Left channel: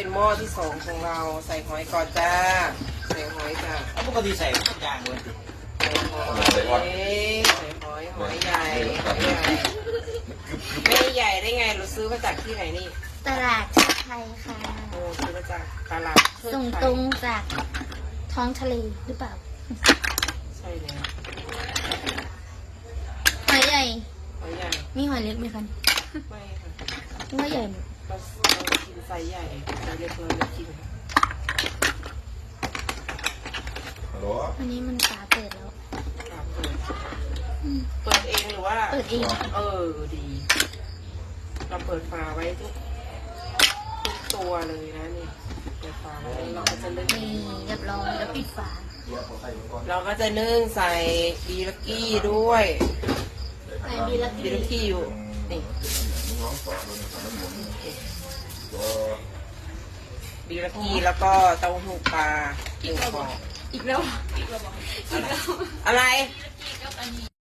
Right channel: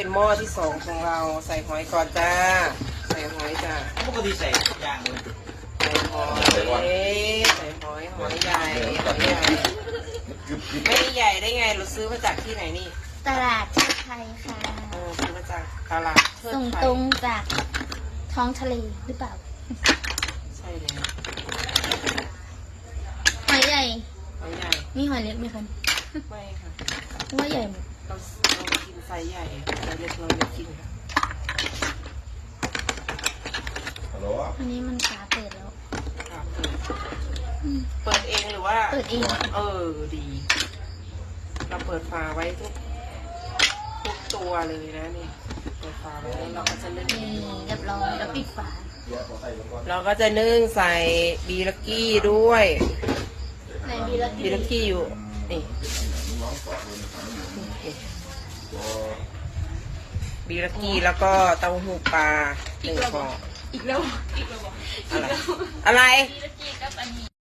เป็นหม้อที่สองของเราใส่หอยก่อนจ้าใส่หอยจ้า ปกติใส่ทุกอย่างเลย ใส่หอยหอยใหญ่ไม่ใหญ่ได้ไงเราซื้อมาจากที่ไหนนี่ ตลาดชาไทยค่ะ โอ้ซื้อมาจากตลาดเทิด ส่ง ไฟ ตรงจากท้องทะเลหรือเปล่า ใช่แล้ว หอยใหญ่ หอยใหญ่ มีหอยเล็กไหมคะ ไม่ค่ะ ว่าใหญ่หมด เรากินไซส์ใหญ่ไซส์เล็กเราไม่กิน ฮัลโหล อันนี้มันฝาเปิดแล้ว เปิดเองหรือว่า เปิดเอง ดี เราเปิดฝาไว้ทุกตัวเลยนะนี่เปิดฝาไว้เราก็จะนึ่ง นี่เรียบร้อยแล้วปิดฝา เราก็จะนึ่งใส่บีลักกี้ด้วย ไหนดีละ บีลักกี้อยู่นี่ น้องสอนเลยนะครับตัว บีลักกี้แล้วก็เต้าหู้ปลาหนึ่งกล่อง อีกแล้ว อะไร บ